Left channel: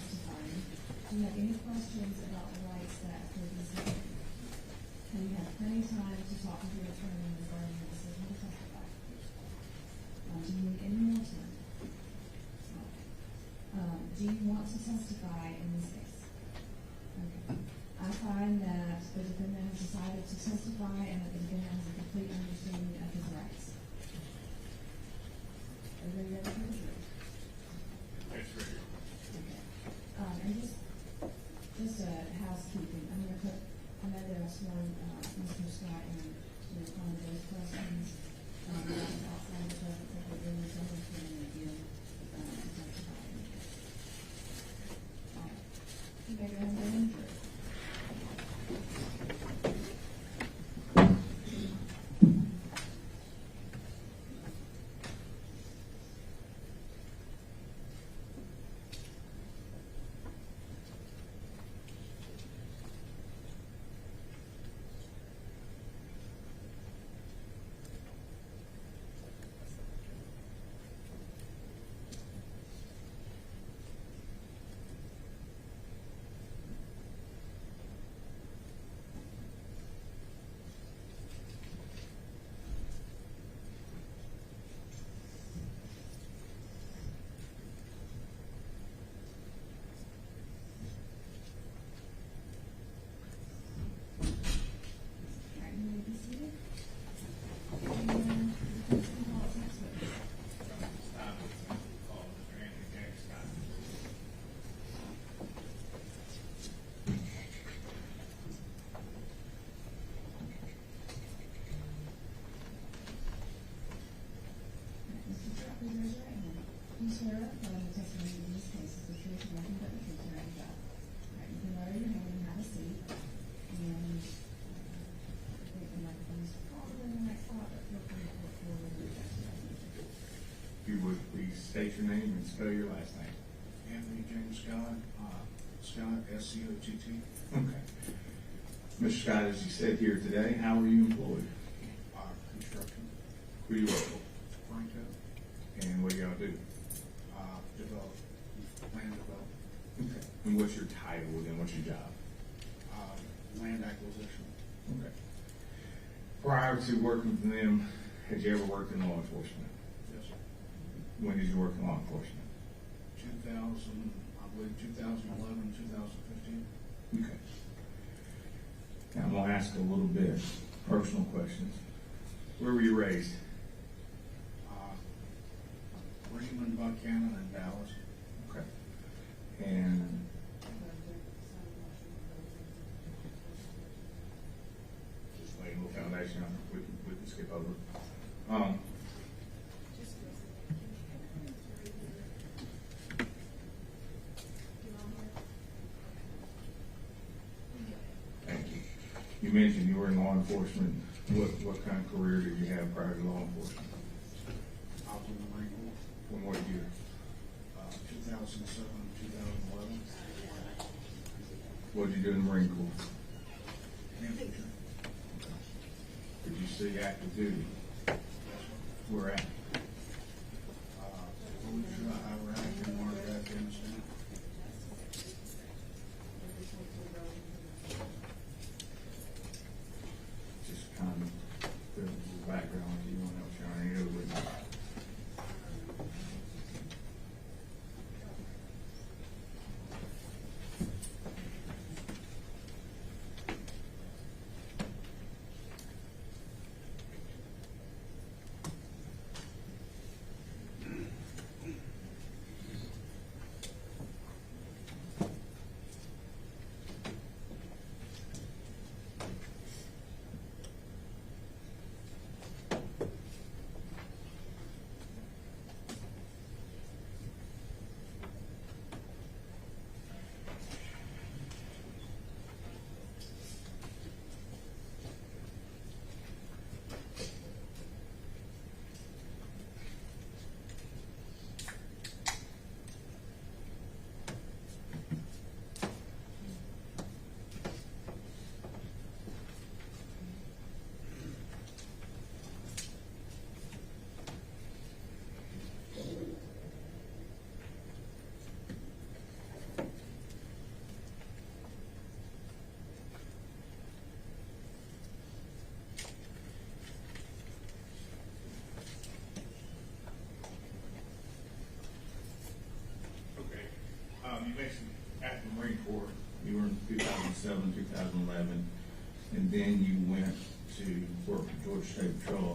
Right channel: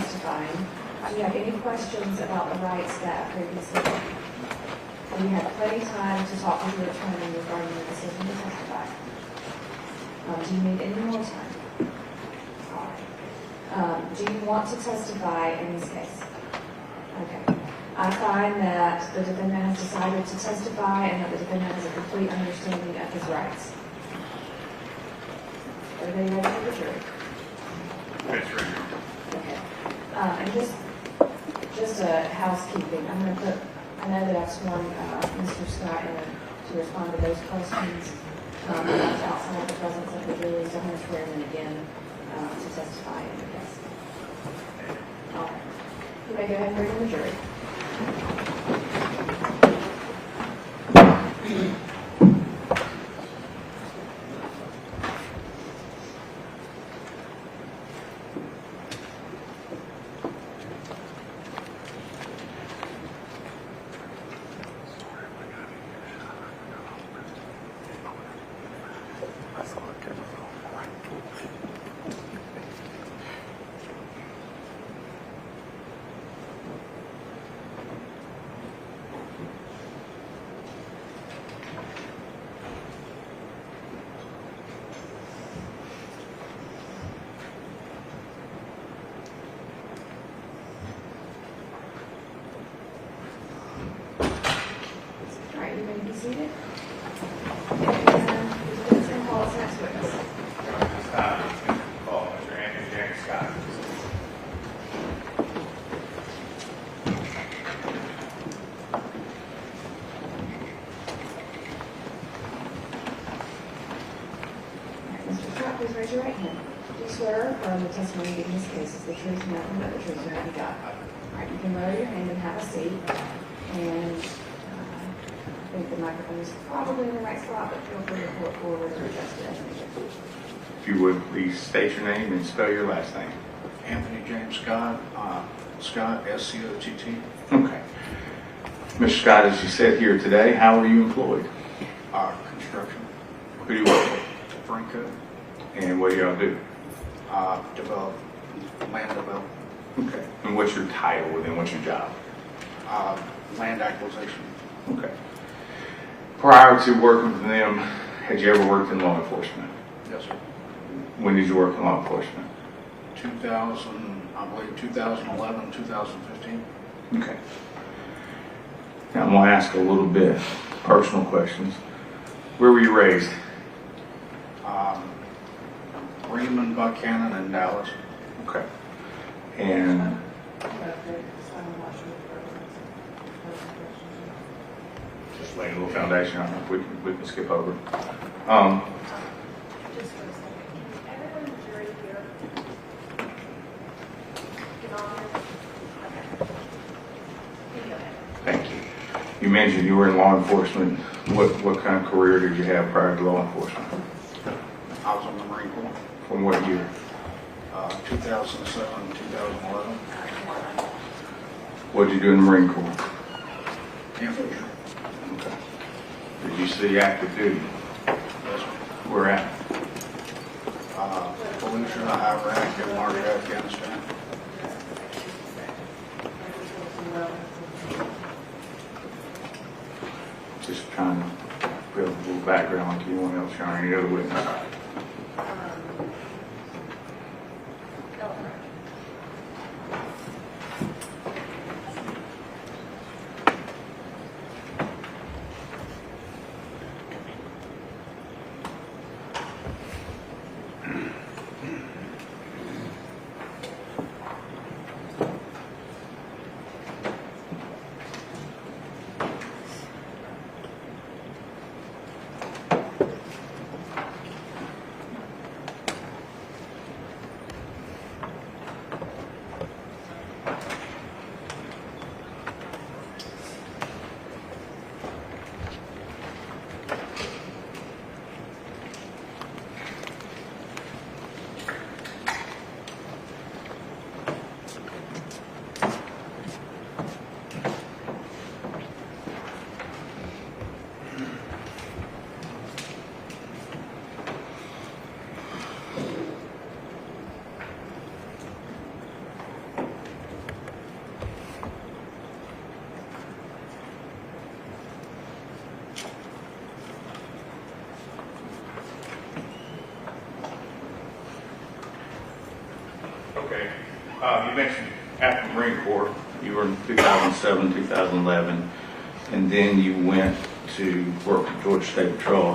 testifying. Do you have any questions about the rights that previously? Have you had plenty of time to talk with your attorney regarding the decision to testify? Do you need any more time? All right. Do you want to testify in this case? Okay. I find that the defendant has decided to testify and that the defendant has a complete understanding of his rights. Everybody ready for the jury? That's right. Okay. And just a housekeeping. I'm going to put, I know that I've sworn Mr. Scott to respond to those questions outside the presence of the jury, so I'm going to swear him in again to testify in the case. All right. You may go ahead and bring in the jury. Seated. And the defense can call its next witness. Call Mr. A.J. Scott. Mr. Scott, please raise your right hand. Do you swear or affirm the testimony given in this case is the truth, nothing but the truth, so help you God? All right, you can lower your hand and have a seat. And I think the microphone is probably in the right spot, but feel free to pull it forward or adjust it as needed. If you would, please state your name and spell your last name. Anthony James Scott, Scott, S-C-O-T-T. Okay. Mr. Scott, as you said here today, how are you employed? Construction. Who do you work for? Franco. And what do y'all do? Develop, land development. Okay. And what's your title within what's your job? Land acquisition. Okay. Prior to working for them, had you ever worked in law enforcement? Yes, sir. When did you work in law enforcement? 2011, 2015. Okay. Now I'm going to ask a little bit personal questions. Where were you raised? Raymond, Buchannan, and Dallas. Okay. And just laying a little foundation on it. We can skip over. Just for a second. Can everyone in the jury here get on here? Okay. Go ahead. Thank you. You mentioned you were in law enforcement. What kind of career did you have prior to law enforcement? I was in the Marine Corps. From what year? 2007, 2011. What did you do in the Marine Corps? Infantry. Okay. Did you see active duty? Yes, sir. Where at? Fallujah, Iraq, and Market, Afghanistan. Just trying to build a little background like anyone else or any other witness. You mentioned after the Marine Corps, you were in 2007, 2011, and then you went to work at Georgia State Patrol.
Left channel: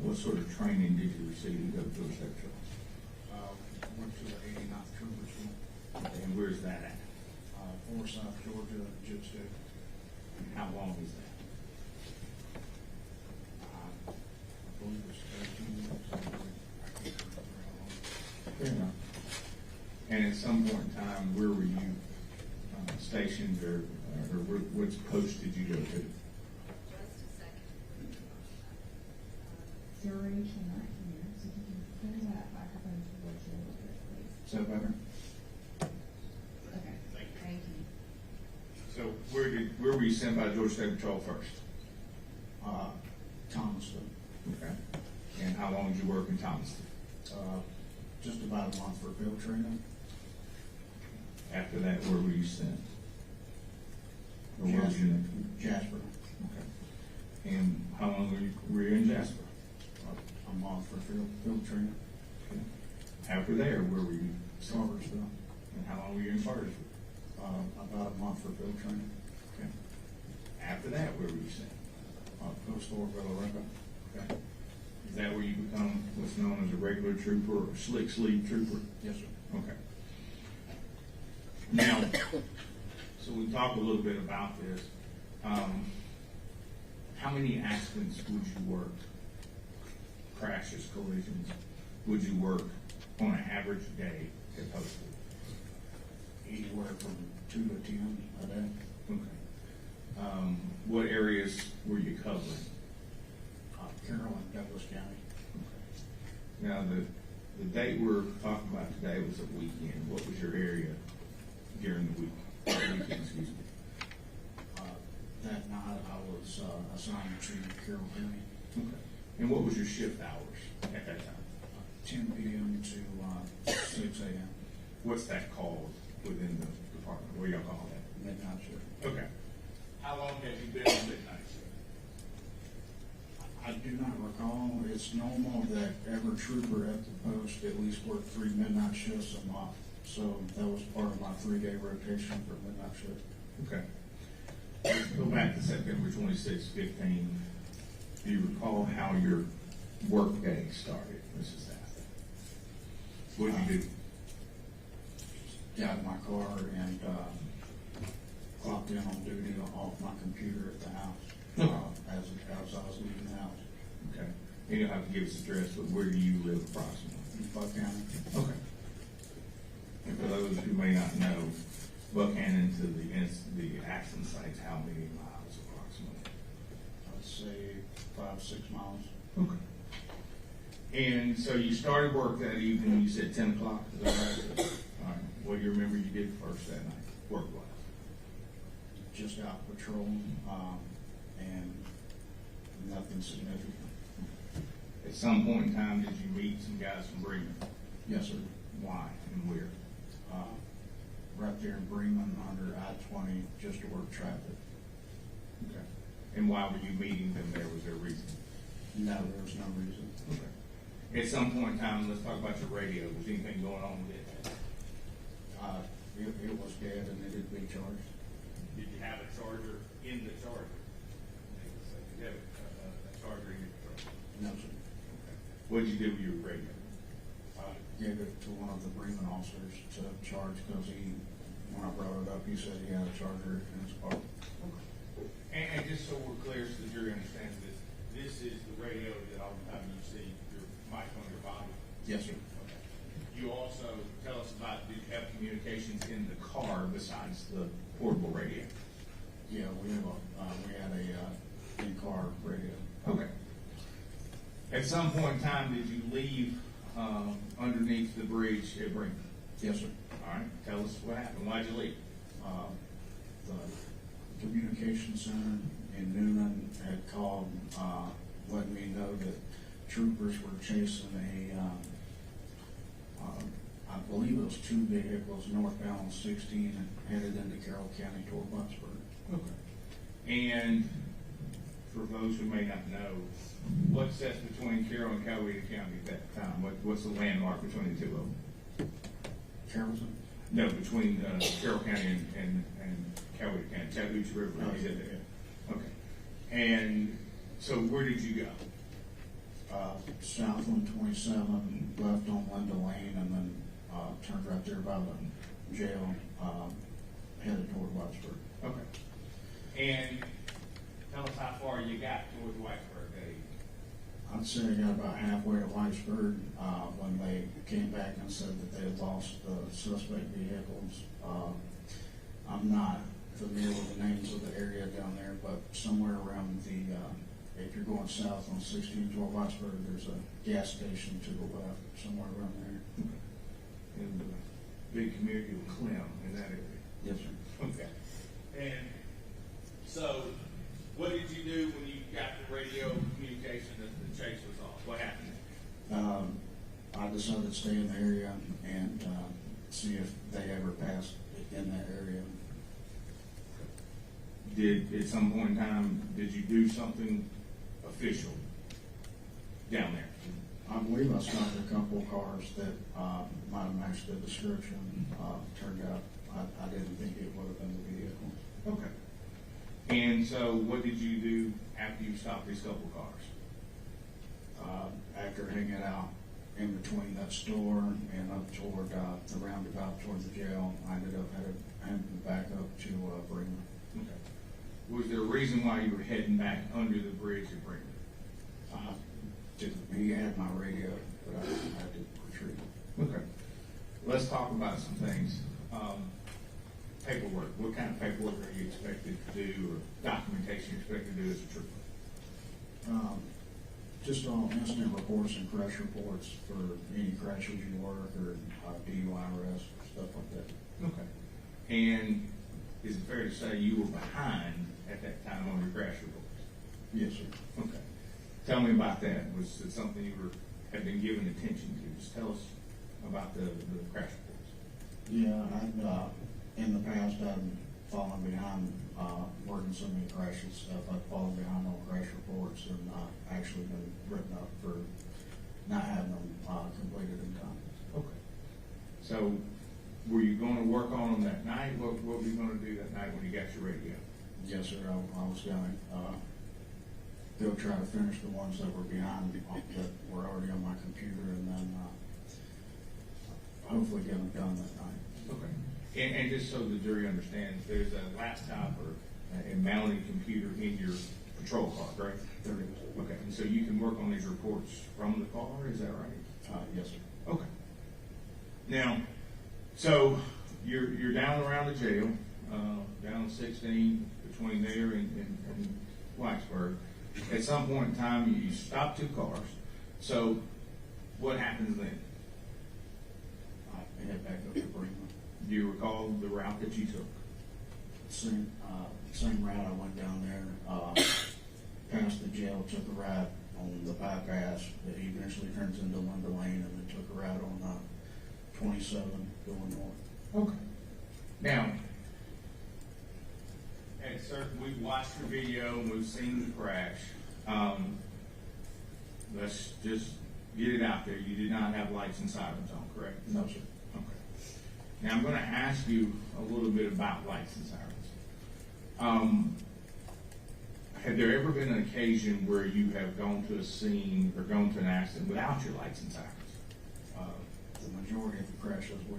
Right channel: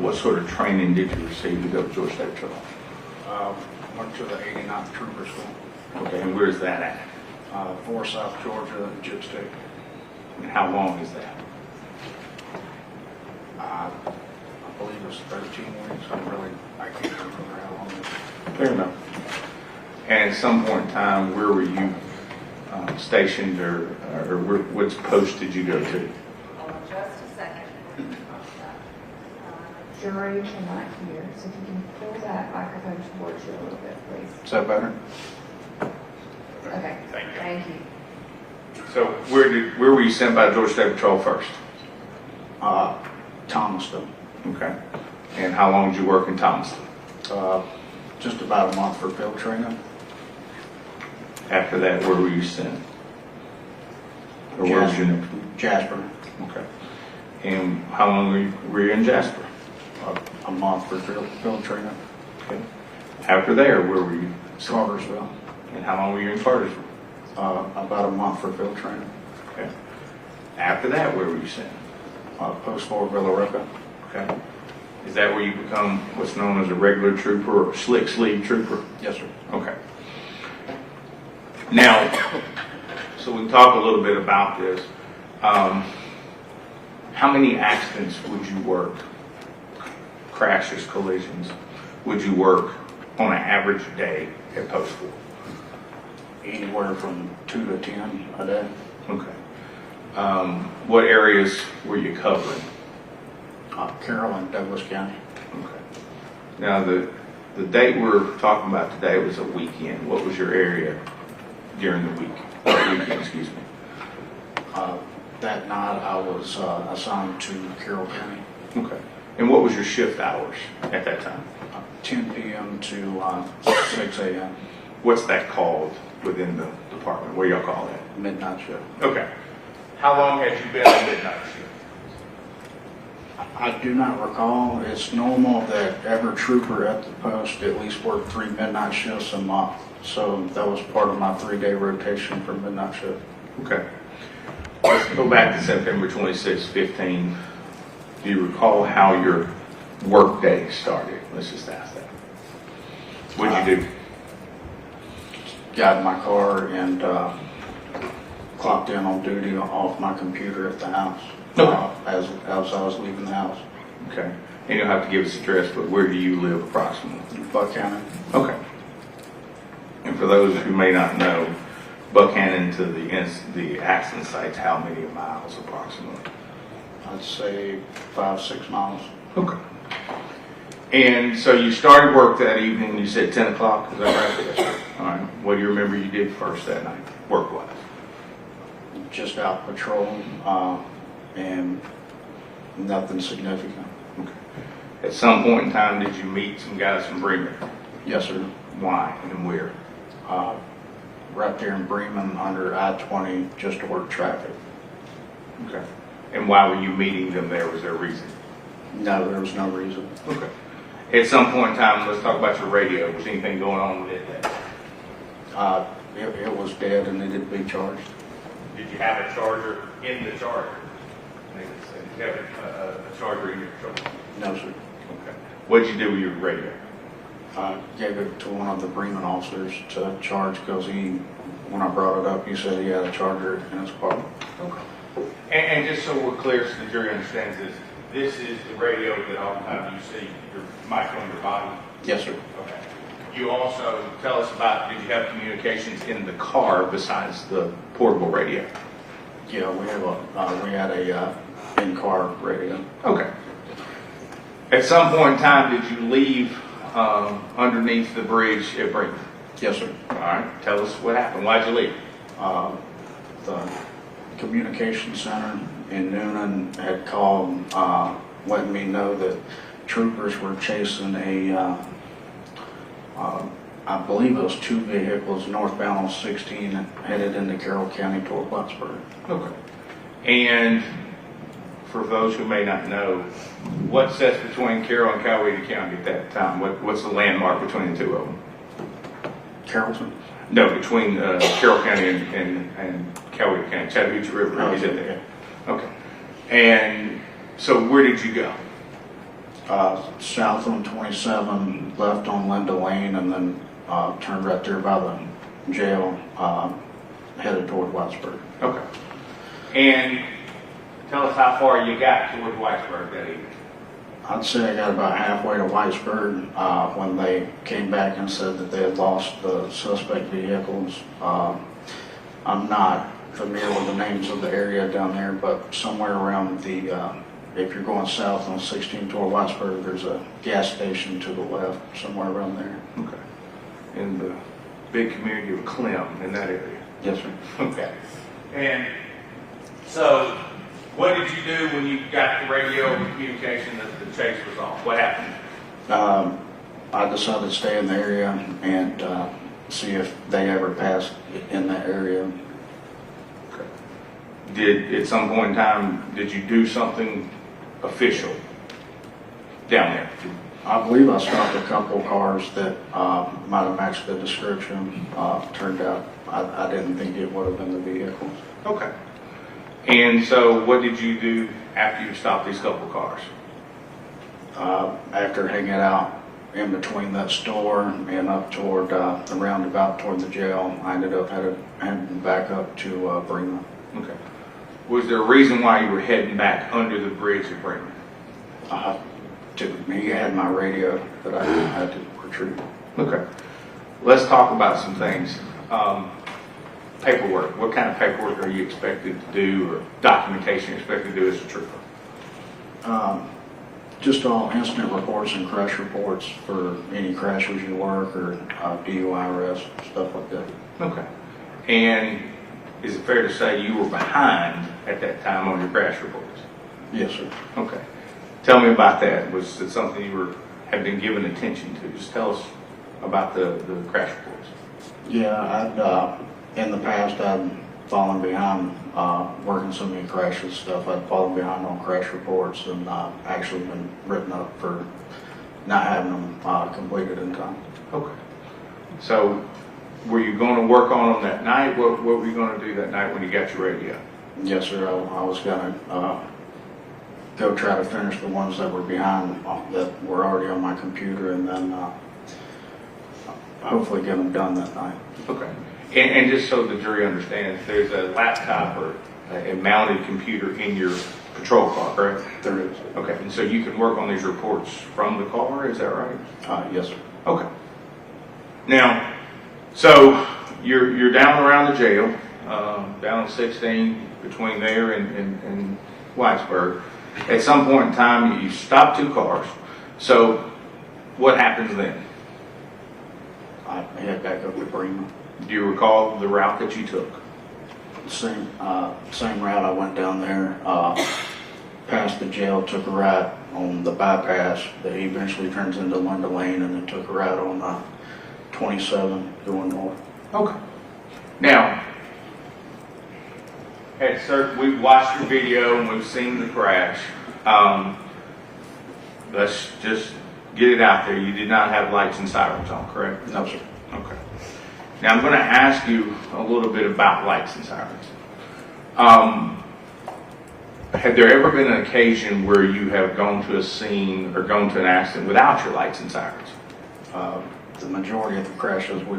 What sort of training did you receive to go to Georgia State Patrol? Went to the 89th Trooper School, Okay, and where's that at? for South Georgia, Jib State. And how long is that? I believe it was 13 weeks. I can't remember how long it was. Fair enough. And at some point in time, where were you stationed, or which post did you go to? Hold on just a second. Jury cannot hear, so if you can pull that microphone towards you a little bit, please. Is that better? Okay, Thank you. thank you. So where were you sent by Georgia State Patrol first? Thomaston. Okay. And how long did you work in Thomaston? Just about a month for field training. After that, where were you sent? Or where was your next? Jasper. Okay. And how long were you in Jasper? A month for field training. Okay. After there, where were you? Cartersville. And how long were you in Cartersville? About a month for field training. Okay. After that, where were you sent? Post Fort Villarica. Okay. Is that where you become what's known as a regular trooper or slick sleeve trooper? Yes, sir. Okay. Now, so we can talk a little bit about this. How many accidents would you work, crashes, collisions, would you work on an average day at Post 4? Anywhere from 2 to 10 a day. Okay. What areas were you covering? Carroll and Douglas County. Okay. Now, the date we're talking about today was a weekend. What was your area during the week? Weekend, excuse me. That night I was assigned to Carroll County. Okay. And what was your shift hours at that time? 10 p.m. to 6 a.m. What's that called within the department? What do y'all call that? midnight shift. Okay. How long had you been on midnight shift? I do not recall. It's normal that every trooper at the post at least work 3 midnight shifts a month. So that was part of my 3-day rotation for midnight shift. Okay. Let's go back to September 26, 15. Do you recall how your work day started? Let's just ask that. What'd you do? Got in my car and clocked in on duty off my computer at the house. Okay. As I was leaving the house. Okay. And you'll have to give us address, but where do you live approximately? Buchannan. Okay. And for those who may not know, Buchannan to the accident site's how many miles approximately? I'd say 5-6 miles. Okay. And so you started work that evening, you said 10 o'clock, is that right? Yes, sir. All right. What do you remember you did first that night, work-wise? Just out patrolling and nothing significant. Okay. At some point in time, did you meet some guys from Bremen? Yes, sir. Why and where? Right there in Bremen under I-20 just to work traffic. Okay. And why were you meeting them there? Was there a reason? No, there was no reason. Okay. At some point in time, let's talk about your radio. Was anything going on with it then? It was dead and needed to be charged. Did you have a charger in the charger? Did you have a charger in your truck? No, sir. Okay. What did you do with your radio? Gave it to one of the Bremen officers to charge because when I brought it up, he said he had a charger in his car. Okay. And just so we're clear, so the jury understands this is the radio that oftentimes you see your mic on your body? Yes, sir. Okay. You also tell us about, did you have communications in the car besides the portable radio? Yeah, we had a in-car radio. Okay. At some point in time, did you leave underneath the bridge at Bremen? Yes, sir. All right. Tell us what happened. Why'd you leave? The communication center in Noonan had called, letting me know that troopers were chasing I believe it was 2 vehicles northbound on 16 headed into Carroll County toward Plattsburgh. Okay. And for those who may not know, what sets between Carroll and Coweta County at that time? What's the landmark between the two of them? Carrollton. No, between Carroll County and Coweta County, Chattahoochee River, is in there? Okay. And so where did you go? South on 27, left on Linda Lane, and then turned right there by the jail, headed toward Whitesburg. Okay. And tell us how far you got toward Whitesburg that evening. I'd say I got about halfway to Whitesburg when they came back and said that they had lost the suspect vehicles. I'm not familiar with the names of the area down there, but somewhere around the, if you're going south on 16 toward Whitesburg, there's a gas station to the left, somewhere around there. Okay. In the big community of Clem, in that area? Yes, sir. Okay. And so, what did you do when you got the radio communication that the chase was off? What happened? I decided to stay in the area and see if they ever passed in that area. Okay. Did, at some point in time, did you do something official down there? I believe I stopped a couple cars that might have matched the description. Turned out I didn't think it would have been the vehicles. Okay. And so what did you do after you stopped these couple cars? After hanging out in between that store and up toward the roundabout toward the jail, I ended up heading back up to Bremen. Okay. Was there a reason why you were heading back under the bridge at Bremen? Me, I had my radio that I had to retrieve. Okay. Let's talk about some things. Paperwork. What kind of paperwork are you expected to do, or documentation you're expected to do as a trooper? Just all incident reports and crash reports for any crashes you work or DUI arrests, stuff like that. Okay. And is it fair to say you were behind at that time on your crash reports? Yes, sir. Okay. Tell me about that. Was it something you had been given attention to? Just tell us about the crash reports. Yeah, in the past I'd fallen behind working so many crashes stuff. I'd fallen behind on crash reports and actually been written up for not having them completed in time. Okay. So were you going to work on them that night? What were you going to do that night when you got your radio? Yes, sir. I was going to go try to finish the ones that were behind that were already on my computer, and then hopefully get them done that night. Okay. And just so the jury understands, there's a laptop or a mounted computer in your patrol car, correct? There is. Okay. And so you can work on these reports from the car, is that right? Yes, sir. Okay. Now, so you're down around the jail, down at 16, between there and Whitesburg. At some point in time, you stop two cars. So what happens then? I head back up to Bremen. Do you recall the route that you took? Same route. I went down there, past the jail, took a right on the bypass that eventually turns into Linda Lane, and then took a right on 27 going north. Okay. Now, we've watched your video and we've seen the crash. Let's just get it out there. You did not have lights and sirens on, correct? No, sir. Okay. Now I'm going to ask you a little bit about lights and sirens. Had there ever been an occasion where you have gone to a scene or gone to an accident without your lights and sirens? The majority of the crashes we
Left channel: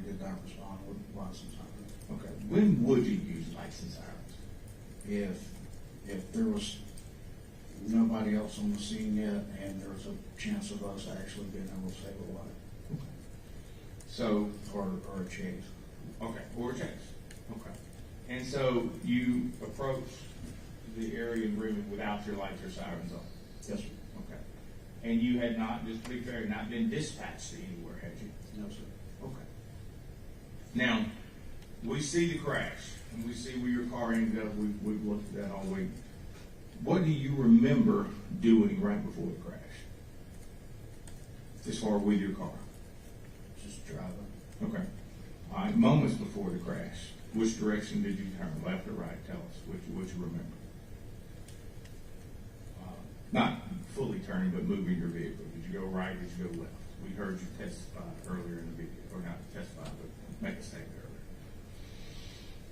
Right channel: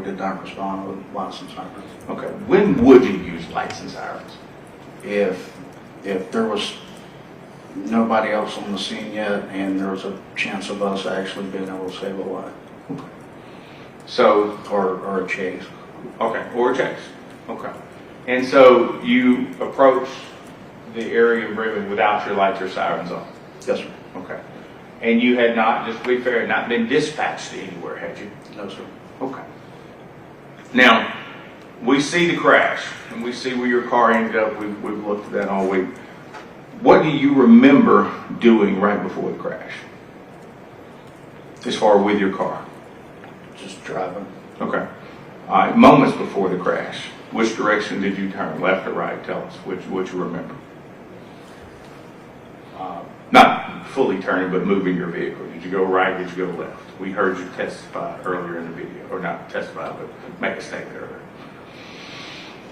did not respond with lights and sirens. Okay. When would you use lights and sirens? If there was nobody else on the scene yet, and there was a chance of us actually being able to save a life. Okay. So, or a chase. Okay, or a chase. Okay. And so you approached the area of Bremen without your lights or sirens on? Yes, sir. Okay. And you had not, just to be fair, not been dispatched anywhere, had you? No, sir. Okay. Now, we see the crash, and we see where your car ended up. We've looked at that all week. What do you remember doing right before the crash? As far with your car? Just driving. Okay. All right. Moments before the crash, which direction did you turn? Left or right? Tell us what you remember. Not fully turning, but moving your vehicle? Did you go right, did you go left? We heard you testify earlier in the video, or not testify, but make a statement earlier.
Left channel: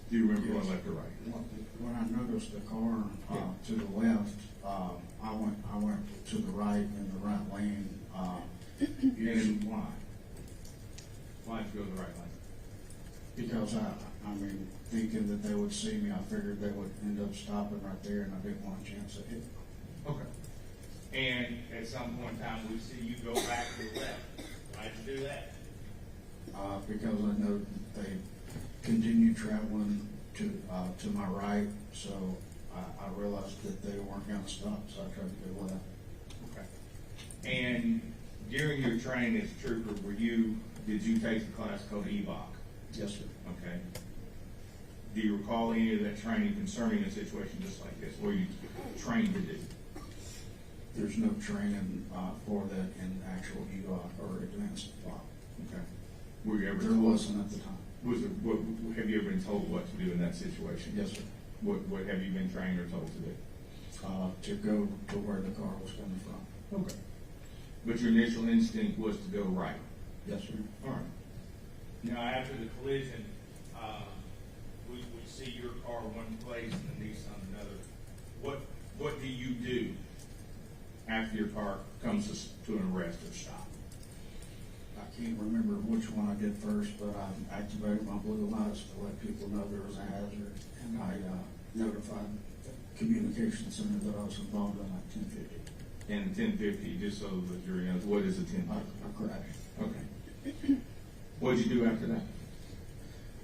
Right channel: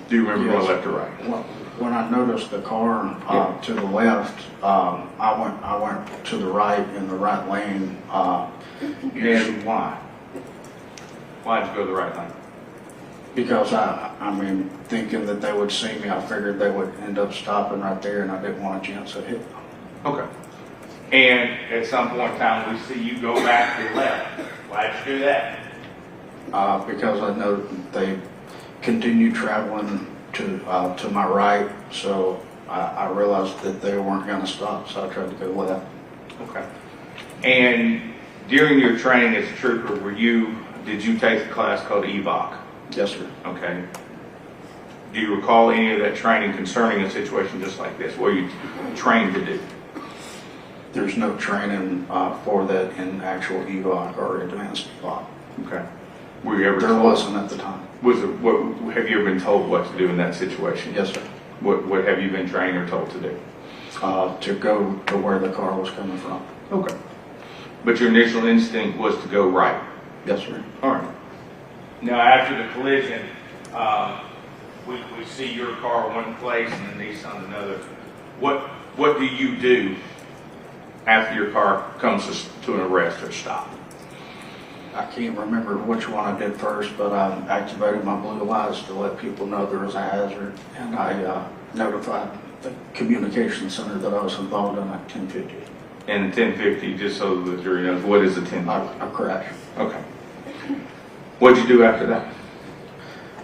Do you remember going left or right? Well, when I noticed the car to the left, I went to the right in the right lane. And why? Why did you go the right lane? Because I mean, thinking that they would see me, I figured they would end up stopping right there, and I didn't want a chance to hit them. Okay. And at some point in time, we see you go back to the left. Why did you do that? Because I know that they continued traveling to my right, so I realized that they weren't going to stop, so I tried to go left. Okay. And during your training as a trooper, did you take a class called EVOC? Yes, sir. Okay. Do you recall any of that training concerning a situation just like this? What you trained to do? There's no training for that in actual EVOC or advanced EVOC. Okay. Were you ever There told? wasn't at the time. Have you ever been told what to do in that situation? Yes, sir. What have you been trained or told to do? To go to where the car was coming from. Okay. But your initial instinct was to go right? Yes, sir. All right. Now, after the collision, we see your car one place and the Nissan another. What do you do after your car comes to an arrest or stop? I can't remember which one I did first, but I activated my blue lights to let people know there was a hazard, and I notified the communication center that I was involved in at 1050. And 1050, just so the jury knows, what is a 1050? A crash. Okay. What'd you do after that?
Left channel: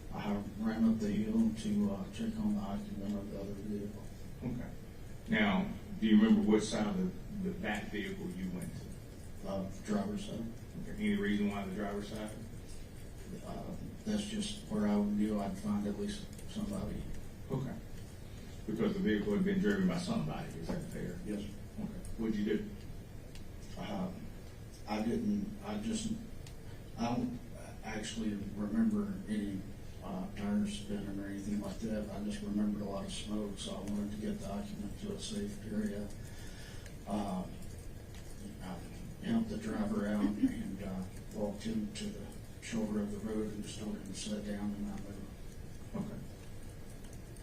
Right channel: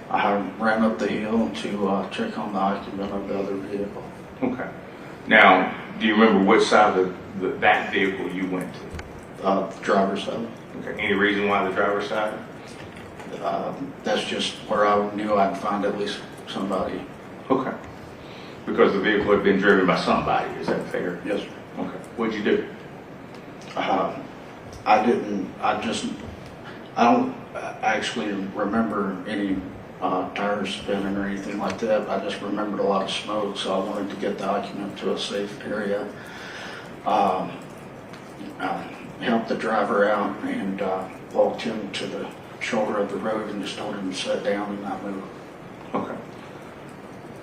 I ran up the hill to check on the occupant of the other vehicle. Okay. Now, do you remember which side of that vehicle you went to? The driver's side. Okay. Any reason why the driver's side? That's just where I knew I'd find at least somebody. Okay. Because the vehicle had been driven by somebody, is that fair? Yes, sir. Okay. What'd you do? I don't actually remember any tires spinning or anything like that. I just remembered a lot of smoke, so I wanted to get the occupant to a safe area. Helped the driver out and walked him to the shoulder of the road and just told him to sit down and not move. Okay.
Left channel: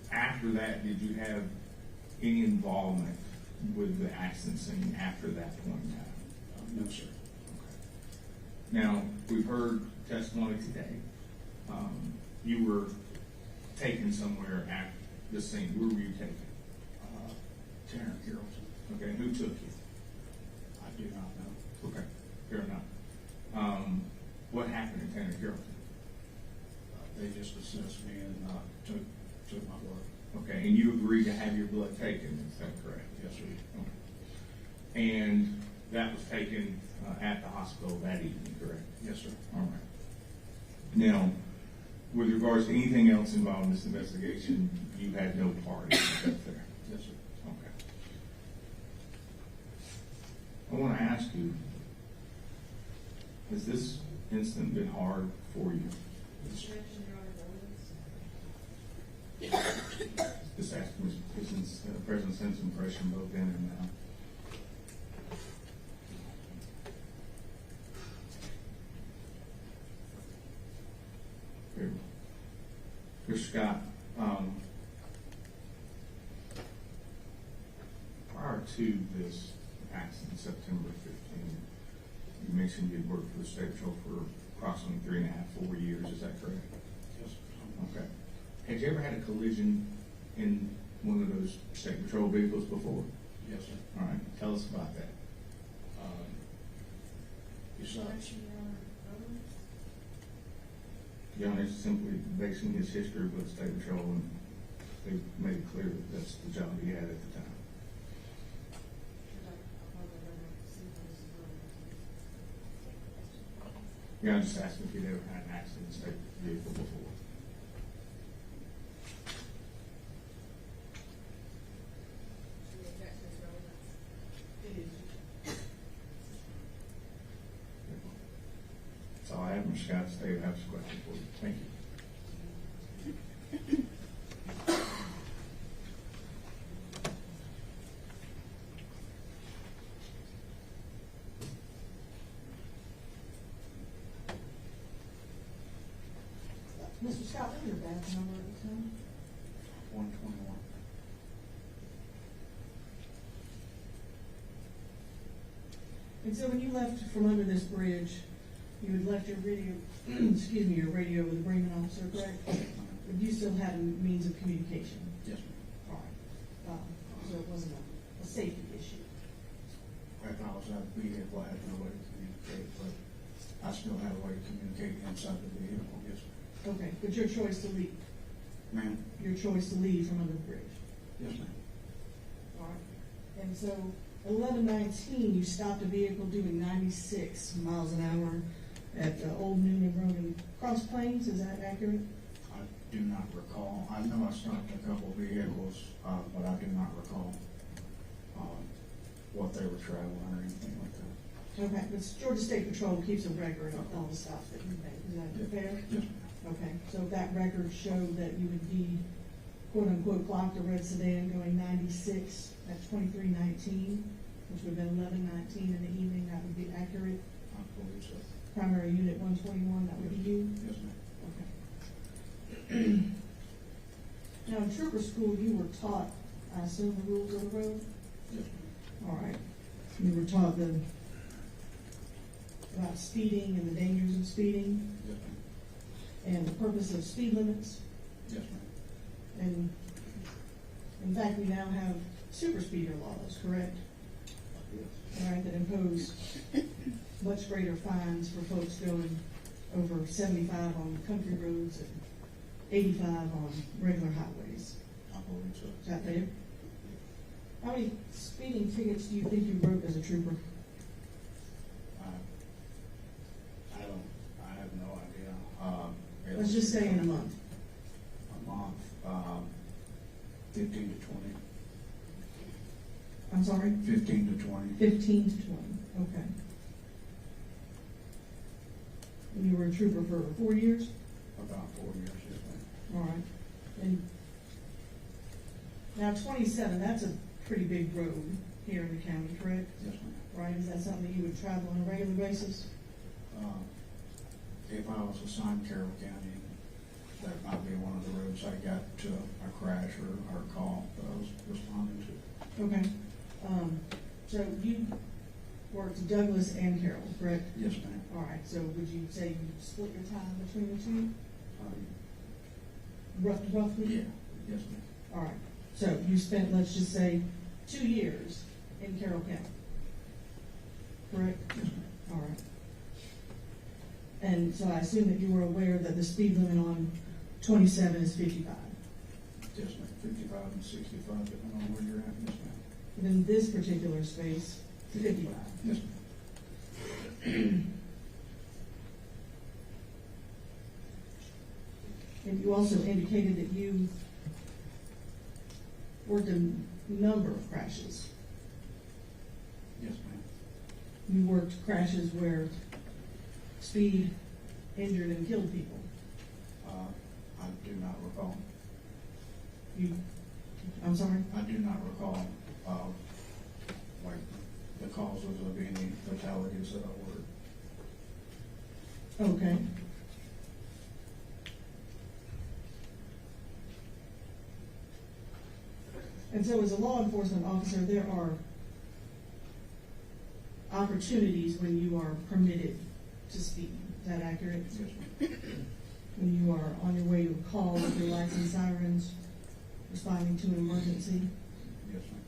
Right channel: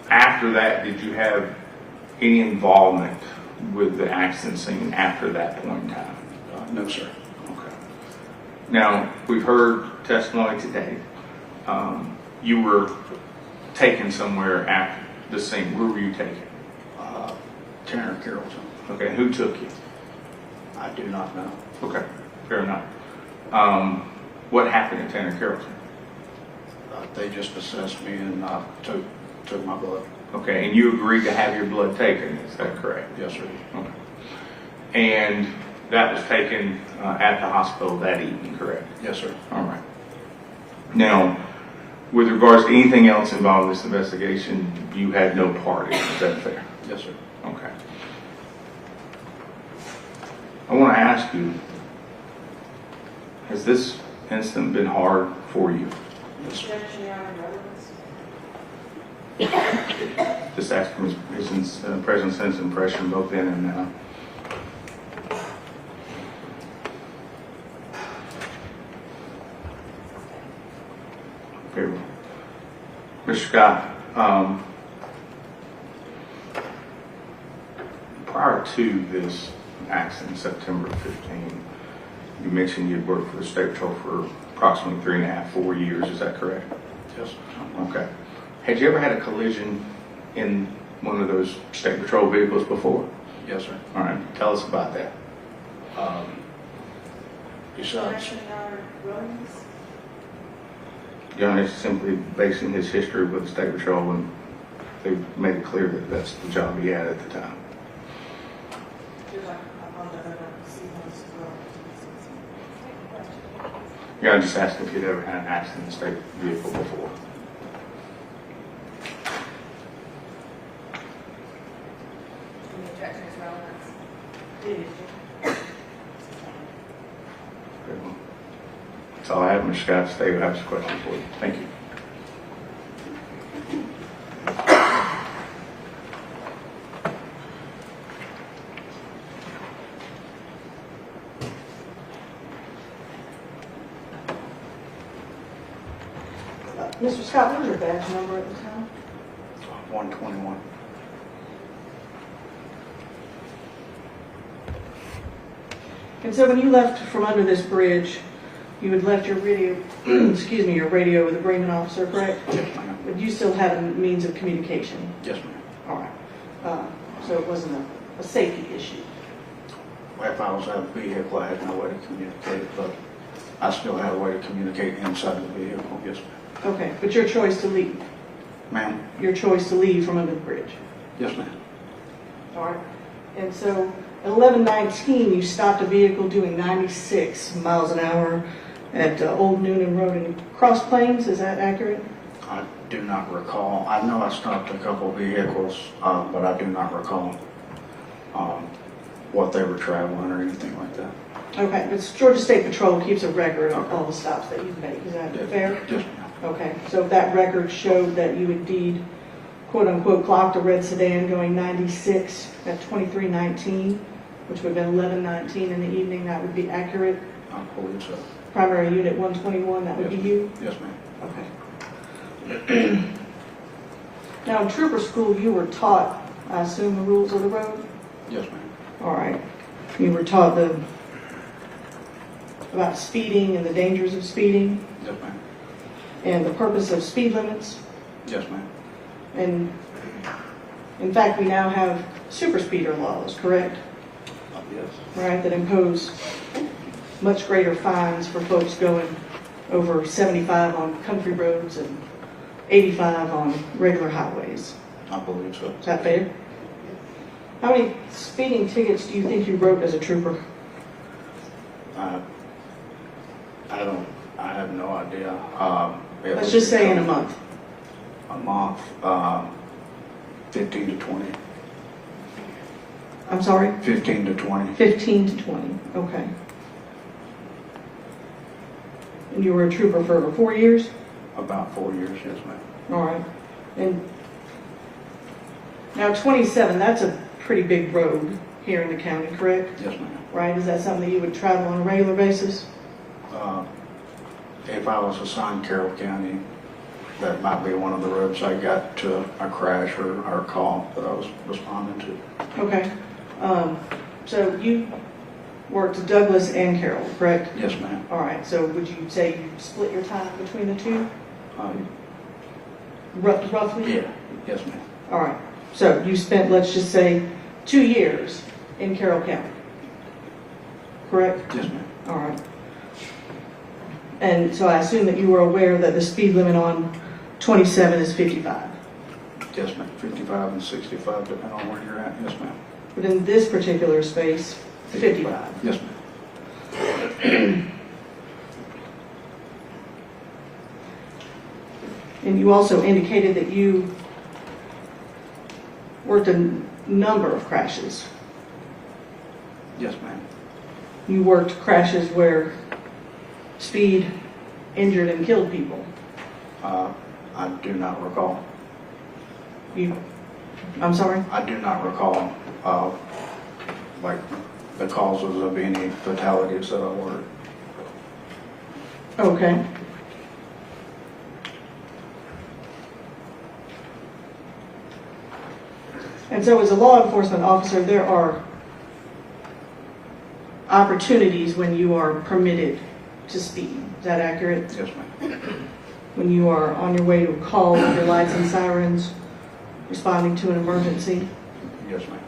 After that, did you have any involvement with the accident scene after that point in time? No, sir. Okay. Now, we've heard testimony today. You were taken somewhere after the scene. Where were you taken? Tanner Carrollton. Okay. Who took you? I do not know. Okay. Fair enough. What happened at Tanner Carrollton? They just assessed me and took my blood. Okay. And you agreed to have your blood taken. Is that correct? Yes, sir. Okay. And that was taken at the hospital that evening, correct? Yes, sir. All right. Now, with regards to anything else involved in this investigation, you had no part in it. Is that fair? Yes, sir. Okay. I want to ask you, has this incident been hard for you? Yes, sir. Just ask him his present sense impression both then and now. Favorable. Mr. Scott, prior to this accident, September 15, you mentioned you'd worked for the State Patrol for approximately 3.5, 4 years. Is that correct? Yes. Okay. Had you ever had a collision in one of those State Patrol vehicles before? Yes, sir. All right. Tell us about that. Besides, John is simply basing his history with the State Patrol, and they made it clear that that's the job he had at the time. Yeah, I just asked if you'd ever had an accident in a state vehicle before. The objection is relevance. That's all I have, Mr. Scott. Stay, I have some questions for you. Thank you. Mr. Scott, what was your badge number at the time? 121. And so when you left from under this bridge, you had left your radio, excuse me, your radio with the Bremen officer, correct? Yes, ma'am. But you still had a means of communication? Yes, ma'am. All right. So it wasn't a safety issue? If I was out of the vehicle, I had no way to communicate, but I still had a way to communicate inside the vehicle. Yes, ma'am. Okay, but your choice to leave? Ma'am? Your choice to leave from under the bridge? Yes, ma'am. All right. And so at 11:19, you stopped a vehicle doing 96 miles an hour at Old Noonan Road in Cross Plains. Is that accurate? I do not recall. I know I stopped a couple vehicles, but I do not recall what they were traveling or anything like that. Okay, but Georgia State Patrol keeps a record of all the stops that you've made. Is that fair? Yes, ma'am. Okay, so that record showed that you indeed, quote unquote, clocked a red sedan going 96 at 23:19, which would have been 11:19 in the evening. That would be accurate. I believe so. Primary Unit 121, that would be you? Yes, ma'am. Okay. Now, in trooper school, you were taught, I assume, the rules of the road? Yes, ma'am. All right. You were taught about speeding and the dangers of speeding Yes, ma'am. and the purpose of speed limits. Yes, ma'am. And in fact, we now have super speeder laws, correct? Yes. Right, that impose much greater fines for folks going over 75 on country roads and 85 on regular highways. I believe so. Is that fair? How many speeding tickets do you think you wrote as a trooper? I have no idea. Let's just say in a month. A month, 15 to 20. I'm sorry? 15 to 20. 15 to 20, okay. And you were a trooper for over 4 years? About 4 years, yes, ma'am. All right. And now 27, that's a pretty big road here in the county, correct? Yes, ma'am. Right, is that something that you would travel on a regular basis? If I was assigned Carroll County, that might be one of the roads I got to a crash or a call that I was responding to. Okay. So you worked Douglas and Carroll, correct? Yes, ma'am. All right, so would you say you split your time between the two? Roughly? Yeah, yes, ma'am. All right, so you spent, let's just say, 2 years in Carroll County, correct? Yes, ma'am. All right. And so I assume that you were aware that the speed limit on 27 is 55. Yes, ma'am. 55 and 65, depending on where you're at. Yes, ma'am. But in this particular space, 55. Yes, ma'am. And you also indicated that you worked a number of crashes. Yes, ma'am. You worked crashes where speed injured and killed people. I do not recall. I'm sorry? I do not recall, like, the causes of any fatalities that I worked. Okay. And so as a law enforcement officer, there are opportunities when you are permitted to speed. Is that accurate? Yes, ma'am. When you are on your way to a call with your lights and sirens, responding to an emergency, Yes, ma'am.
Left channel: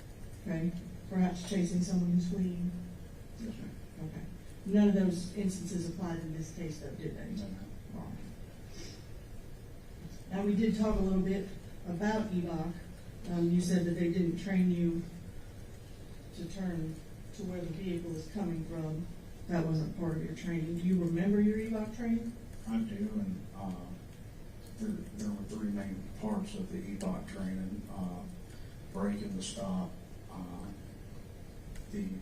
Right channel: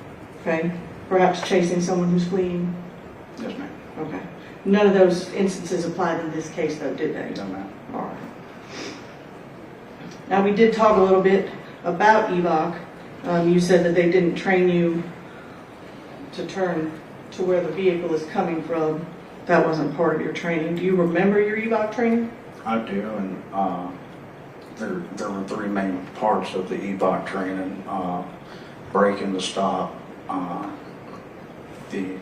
okay? Perhaps chasing someone who's fleeing, Yes, ma'am. okay? None of those instances applied in this case though, did they? No, ma'am. All right. Now, we did talk a little bit about EVOC. You said that they didn't train you to turn to where the vehicle is coming from. That wasn't part of your training. Do you remember your EVOC training? I do, and there were three main parts of the EBOC training: brake and the stop, the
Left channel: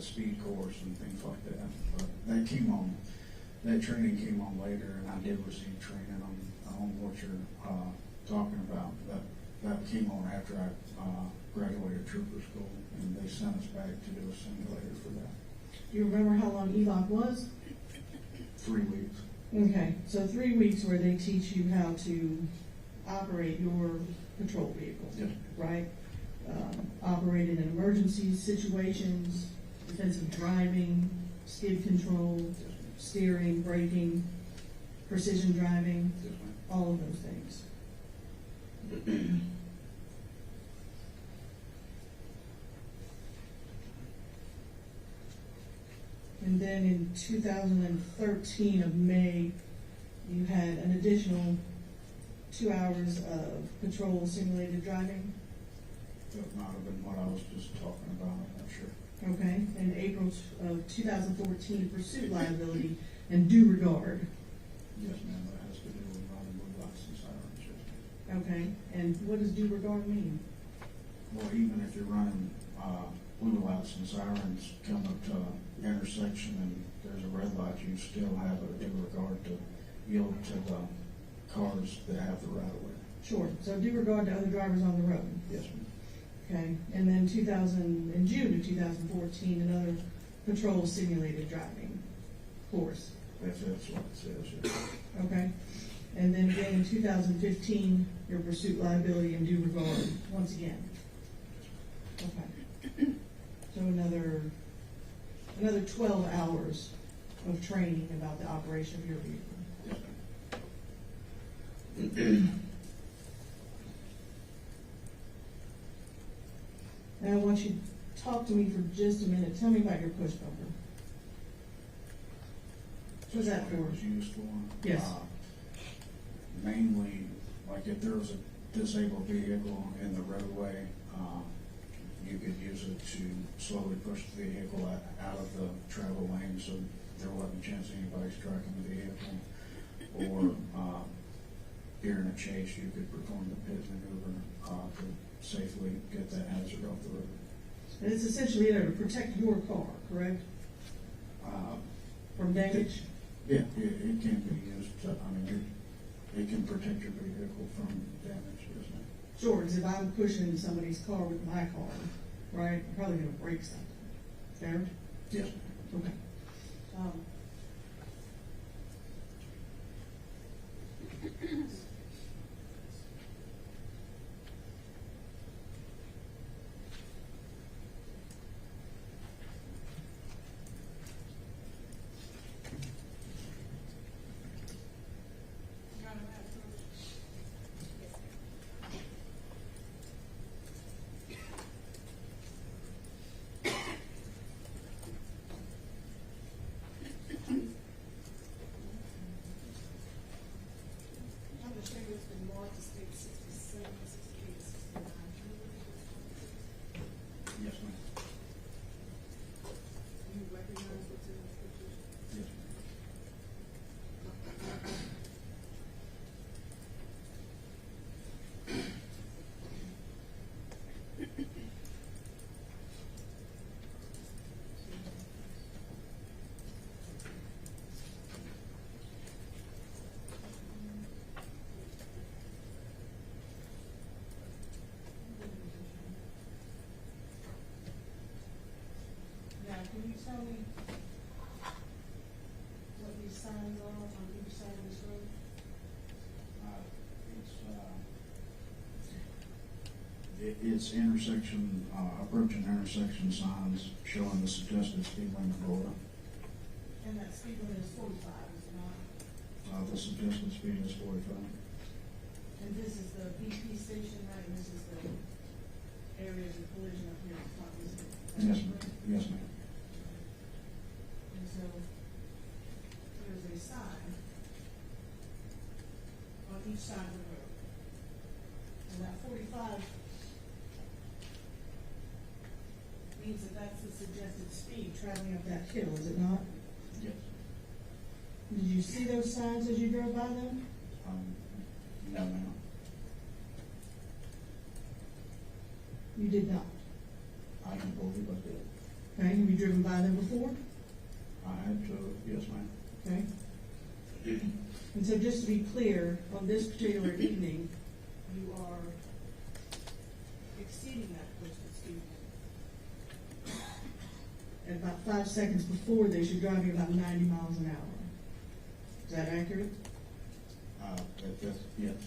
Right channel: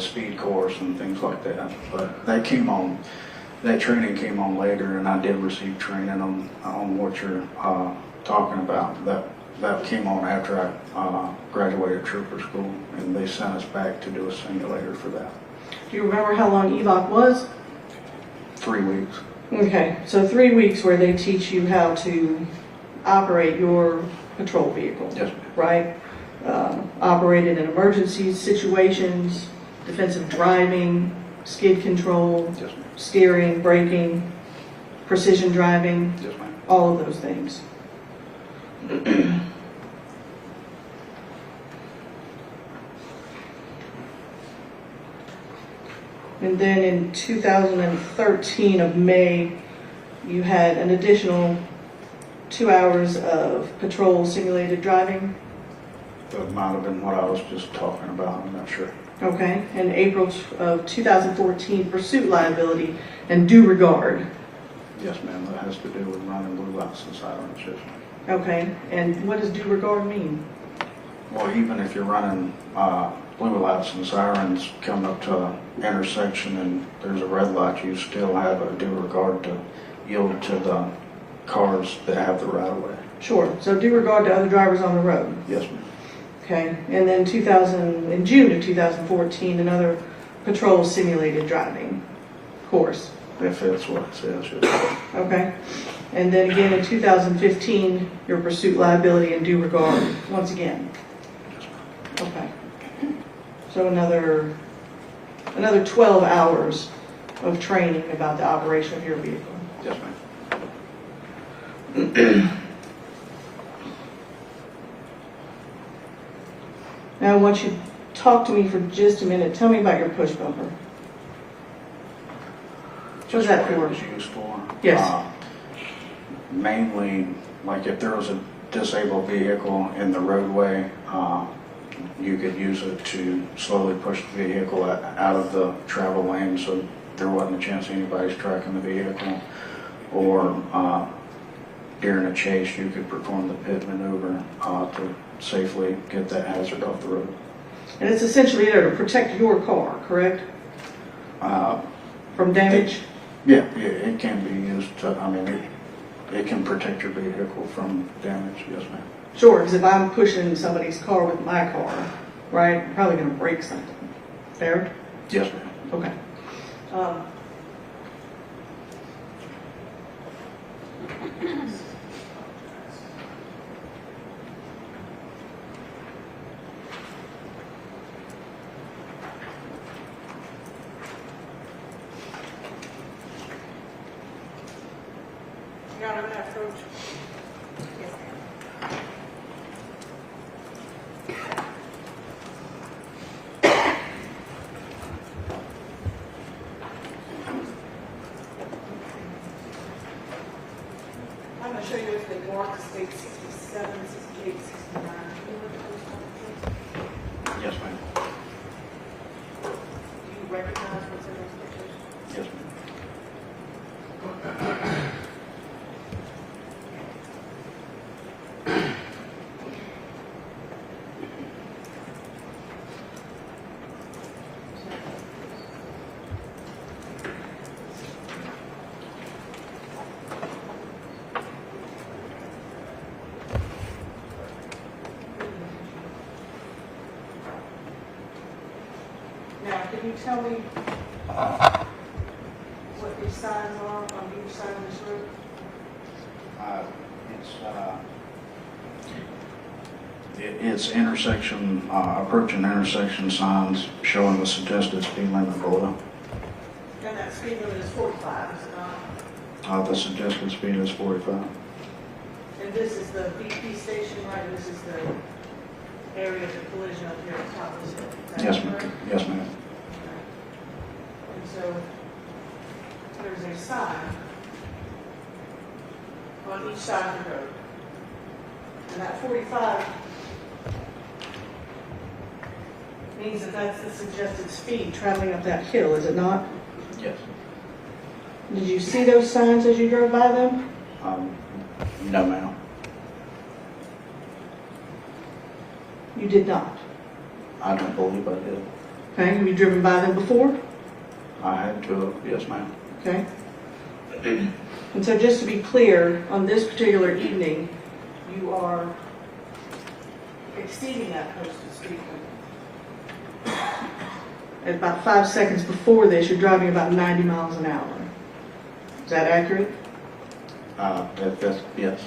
speed course, and things like that. But that training came on later, and I did receive training on what you're talking about. That came on after I graduated trooper school, and they sent us back to do a simulator for that. Do you remember how long EVOC was? 3 weeks. Okay, so 3 weeks where they teach you how to operate your patrol vehicle, Yes, ma'am. right? Operate it in emergency situations, defensive driving, skid control, Yes, ma'am. steering, braking, precision driving, Yes, ma'am. all of those things. And then in 2013 of May, you had an additional 2 hours of patrol simulated driving. That might have been what I was just talking about, I'm not sure. Okay, and April of 2014, pursuit liability and due regard. Yes, ma'am, that has to do with running blue lights and sirens, yes, ma'am. Okay, and what does due regard mean? Or even if you're running blue lights and sirens coming up to an intersection and there's a red light, you still have a due regard to yield to the cars that have the right of way. Sure, so due regard to other drivers on the road. Yes, ma'am. Okay, and then in June of 2014, another patrol simulated driving course. If it's what it says, yes, ma'am. Okay, and then again in 2015, your pursuit liability and due regard, once again. Okay, so another 12 hours of training about the operation of your vehicle. Yes, ma'am. Now I want you to talk to me for just a minute. Tell me about your push bumper. What's that Just what for? it was used for. Yes. Mainly, like if there was a disabled vehicle in the roadway, you could use it to slowly push the vehicle out of the travel lane so there wasn't a chance anybody's tracking the vehicle. Or during a chase, you could perform the pit maneuver to safely get that hazard off the road. And it's essentially there to protect your car, correct? From damage? Yeah, it can be used to, I mean, it can protect your vehicle from damage, yes, ma'am. Sure, because if I'm pushing somebody's car with my car, right, I'm probably going to break something. Fair? Yes, ma'am. Okay. Your Honor, may I approach? Yes, ma'am. I'm going to show you if they mark the state 67, 68, 69. Can you look at those numbers, Yes, ma'am. please? Do you recognize what's in those pictures? Yes, ma'am. Now, can you tell me what these signs are on each side of this road? It's intersection, approaching intersection signs showing the suggested speed limit below. And that speed limit is 45, is it not? The suggested speed is 45. And this is the BP station, right? And this is the area of the collision up here at the top of this hill. Is that Yes, ma'am. correct? Yes, ma'am. Okay. And so there's a sign on each side of the road. And that 45 Means that that's the suggested speed traveling up that hill, is it not? Yes. Did you see those signs as you drove by them? No, ma'am. You did not. I don't believe I did. Okay, have you driven by them before? I had to, yes, ma'am. Okay. And so just to be clear, on this particular evening, you are exceeding that posted speed limit. At about 5 seconds before this, you're driving about 90 miles an hour. Is that accurate? Yes.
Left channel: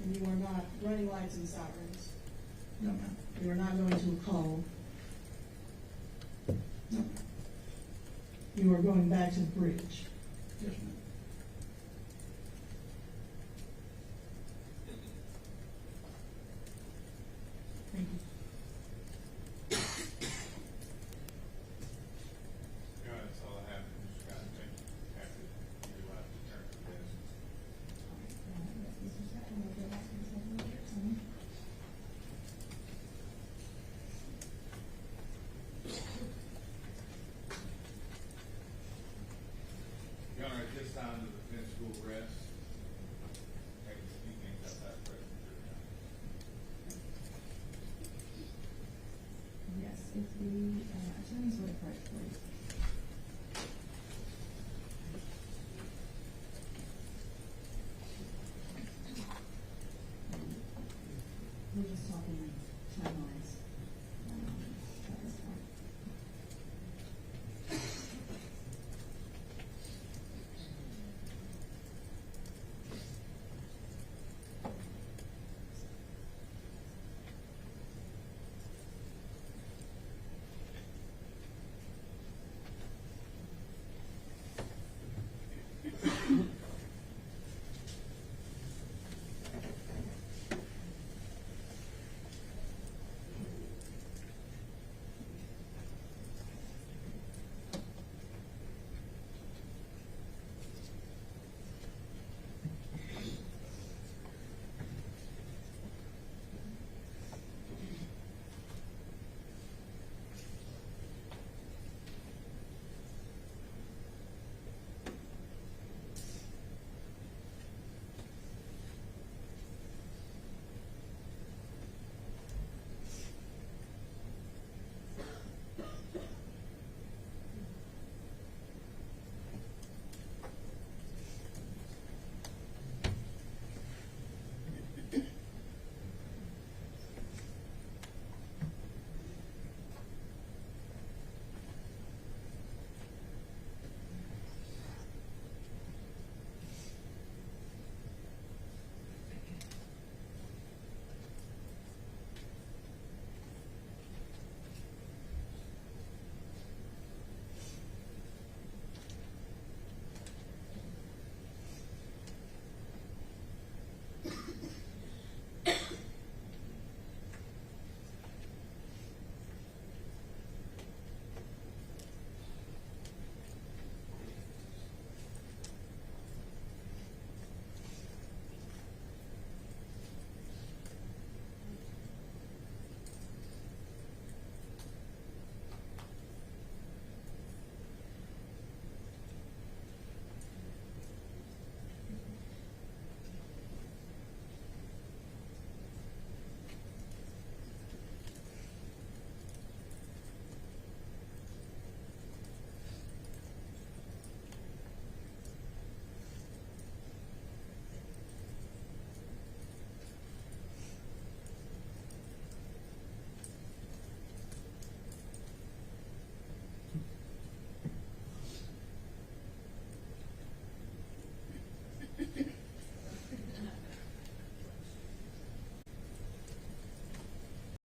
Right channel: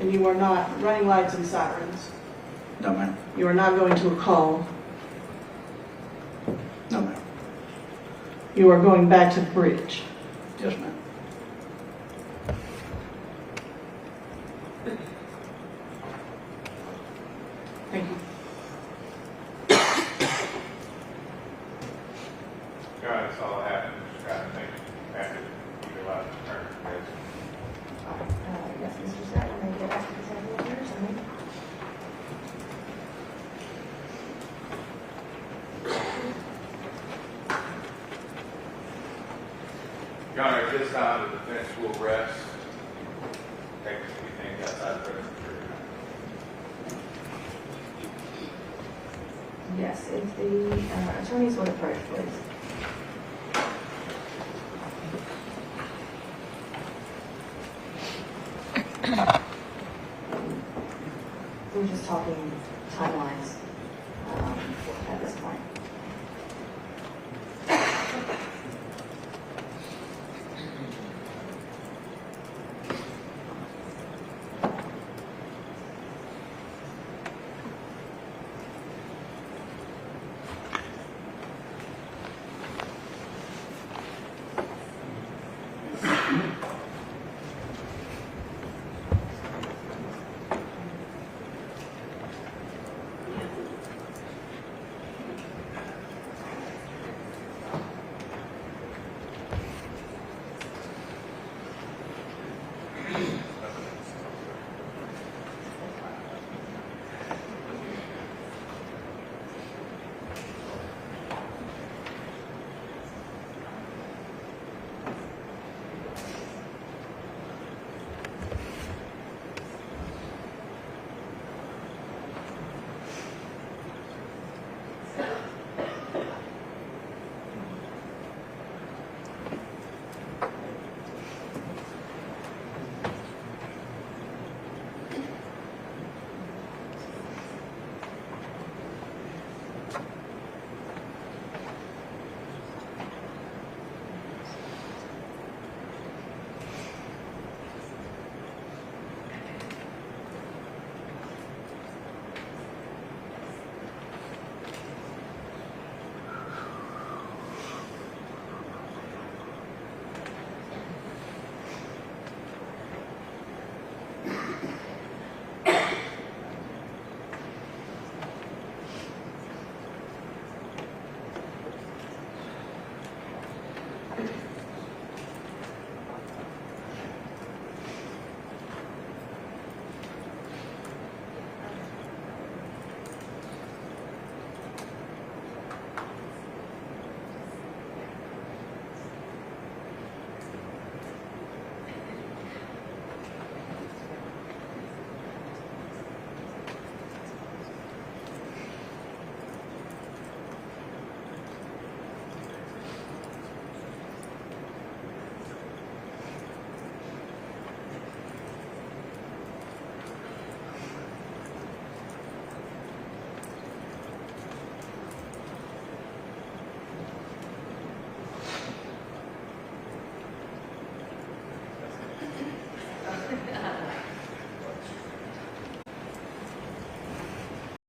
And you are not running lights and sirens? No, ma'am. You are not going to a call? No, ma'am. You are going back to the bridge? Yes, ma'am. Thank you. Your Honor, that's all I have. Just got to think after you allow the turn. Yes, Mr. Scott, you may get back to the table of yours, I mean. Your Honor, at this time, the defense will rest. Take anything outside the presence of the jury. Yes, if the attorneys would approach, please. We're just talking